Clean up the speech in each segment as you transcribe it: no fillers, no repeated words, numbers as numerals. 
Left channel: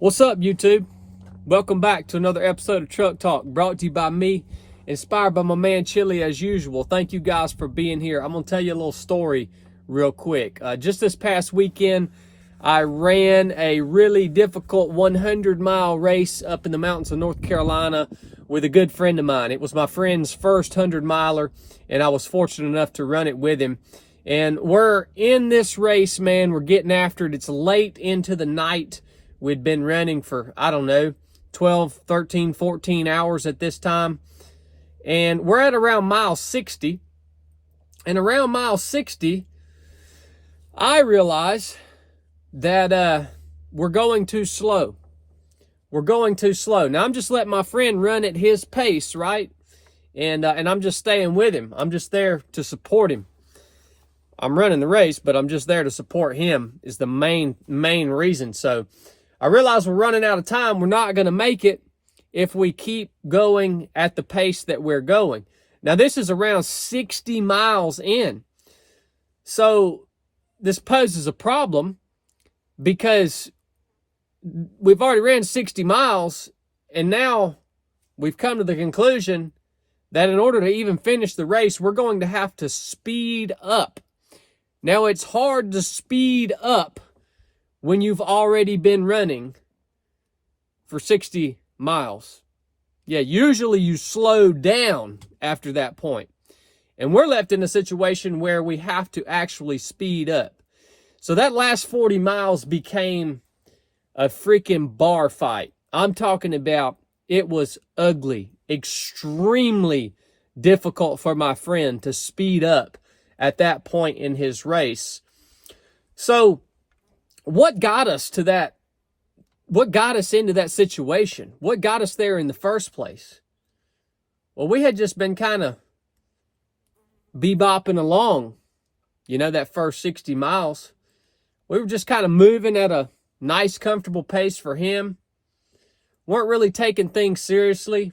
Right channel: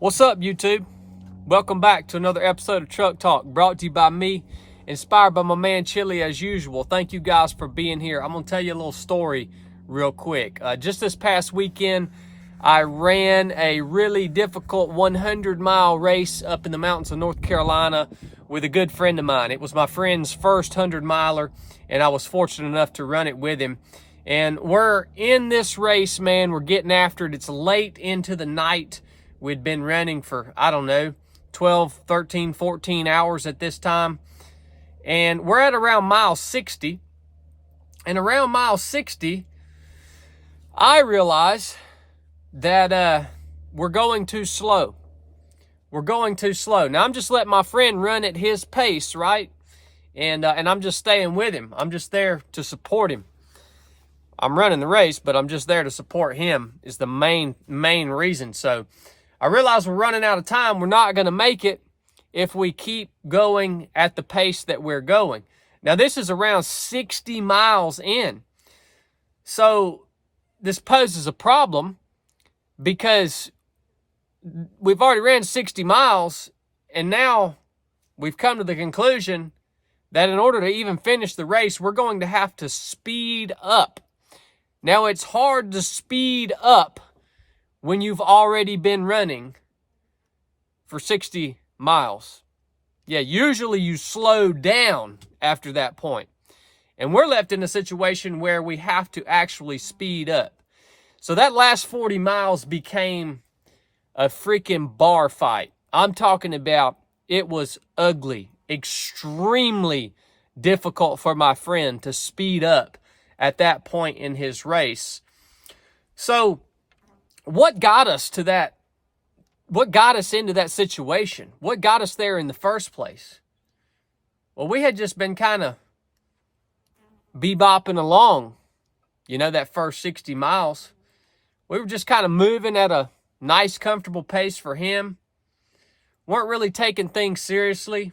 What's up, YouTube? Welcome back to another episode of Truck Talk, brought to you by me, inspired by my man Chili as usual. Thank you guys for being here. I'm going to tell you a little story real quick. Just this past weekend, I ran a really difficult 100-mile race up in the mountains of North Carolina with a good friend of mine. It was my friend's first 100-miler, and I was fortunate enough to run it with him. And we're in this race, man. We're getting after it. It's late into the night. We'd been running for, I don't know, 12, 13, 14 hours at this time. And we're at around mile 60. And around mile 60, I realize that we're going too slow. We're going too slow. Now, I'm just letting my friend run at his pace, right? And I'm just staying with him. I'm just there to support him. I'm running the race, but I'm just there to support him is the main reason. So I realize we're running out of time. We're not going to make it if we keep going at the pace that we're going. Now, this is around 60 miles in. So this poses a problem because we've already ran 60 miles, and now we've come to the conclusion that in order to even finish the race, we're going to have to speed up. Now, it's hard to speed up when you've already been running for 60 miles. Yeah, usually you slow down after that point. And we're left in a situation where we have to actually speed up. So that last 40 miles became a freaking bar fight. I'm talking about it was ugly, extremely difficult for my friend to speed up at that point in his race. So what got us to that? What got us into that situation? What got us there in the first place? Well, we had just been kind of bebopping along, that first 60 miles. We were just kind of moving at a nice, comfortable pace for him. Weren't really taking things seriously.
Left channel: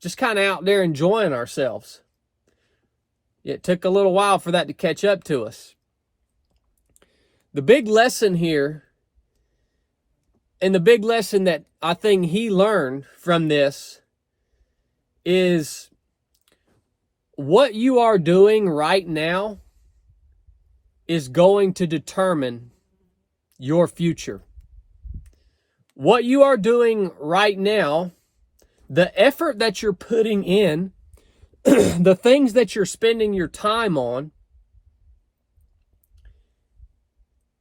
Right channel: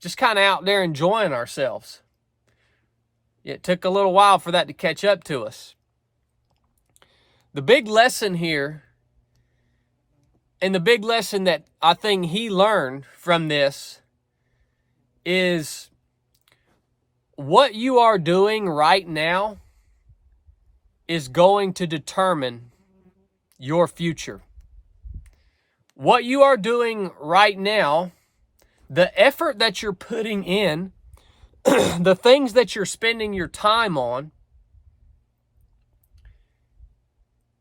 Just kind of out there enjoying ourselves. It took a little while for that to catch up to us. The big lesson here, and the big lesson that I think he learned from this, is what you are doing right now is going to determine your future. What you are doing right now, the effort that you're putting in, the things that you're spending your time on,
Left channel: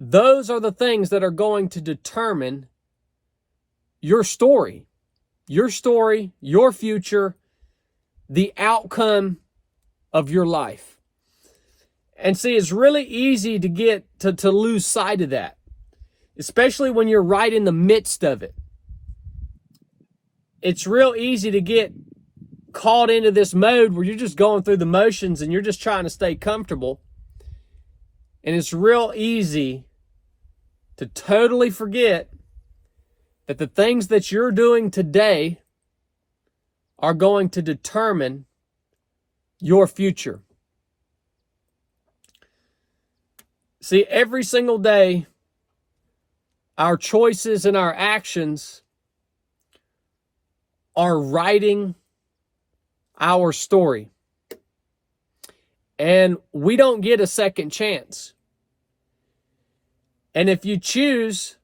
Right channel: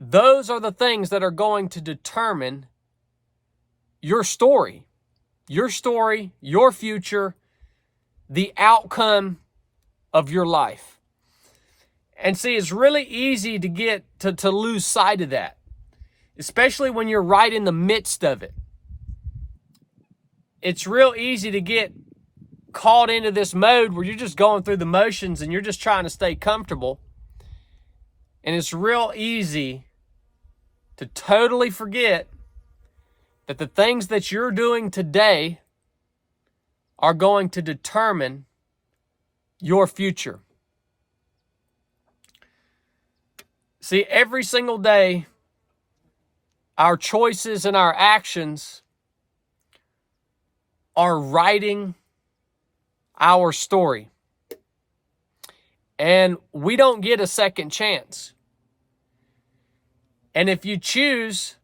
those are the things that are going to determine your story, your future, the outcome of your life. And see, it's really easy to get to lose sight of that, especially when you're right in the midst of it. It's real easy to get caught into this mode where you're just going through the motions and you're just trying to stay comfortable. And it's real easy to totally forget that the things that you're doing today are going to determine your future. See, every single day, our choices and our actions are writing our story. And we don't get a second chance. And if you choose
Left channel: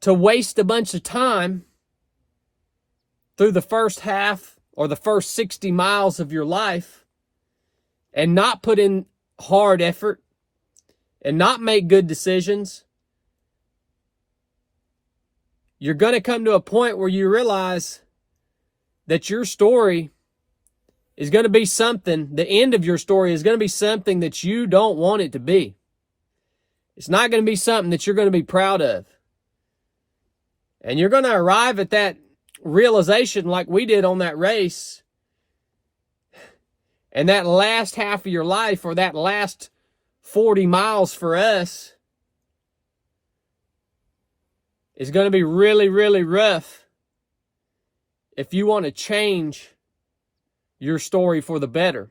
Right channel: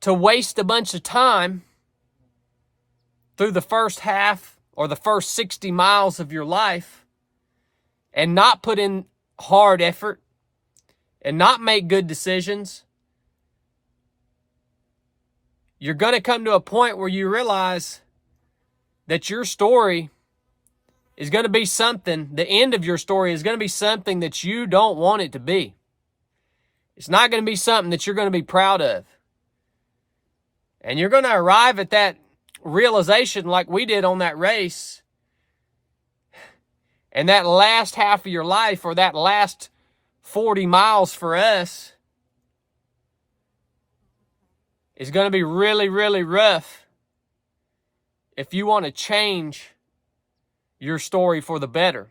to waste a bunch of time through the first half or the first 60 miles of your life and not put in hard effort and not make good decisions, you're going to come to a point where you realize that your story is going to be something, the end of your story is going to be something that you don't want it to be. It's not going to be something that you're going to be proud of. And you're going to arrive at that realization like we did on that race. And that last half of your life, or that last 40 miles for us, is going to be really, really rough if you want to change your story for the better.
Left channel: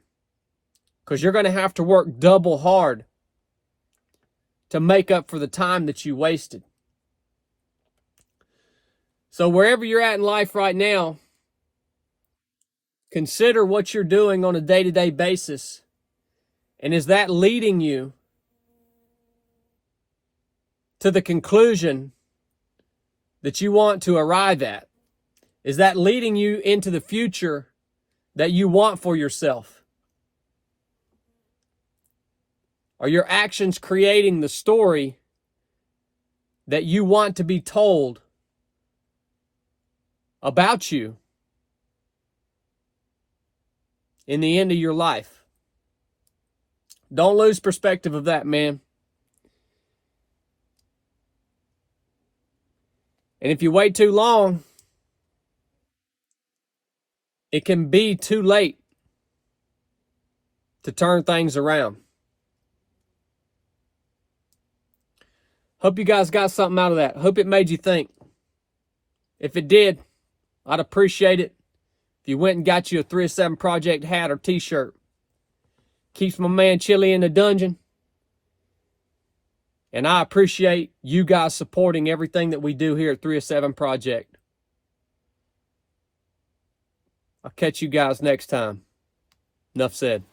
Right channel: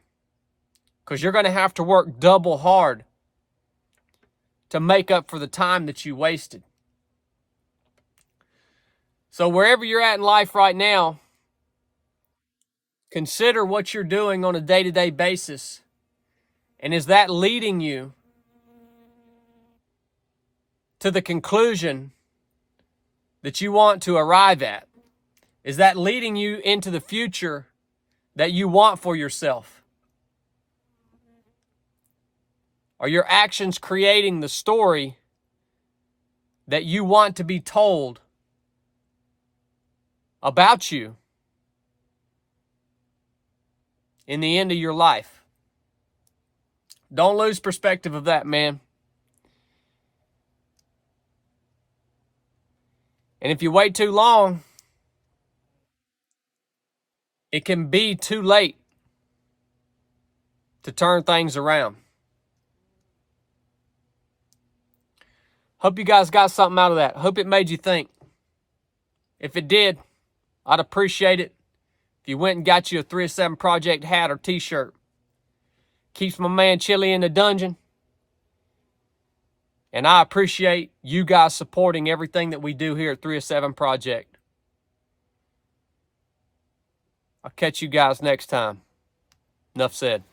Because you're going to have to work double hard to make up for the time that you wasted. So wherever you're at in life right now, consider what you're doing on a day-to-day basis. And is that leading you to the conclusion that you want to arrive at? Is that leading you into the future that you want for yourself? Are your actions creating the story that you want to be told about you in the end of your life? Don't lose perspective of that, man. And if you wait too long, it can be too late to turn things around. Hope you guys got something out of that. Hope it made you think. If it did, I'd appreciate it if you went and got you a 307 Project hat or t-shirt. Keeps my man Chili in the dungeon. And I appreciate you guys supporting everything that we do here at 307 Project. I'll catch you guys next time. Enough said.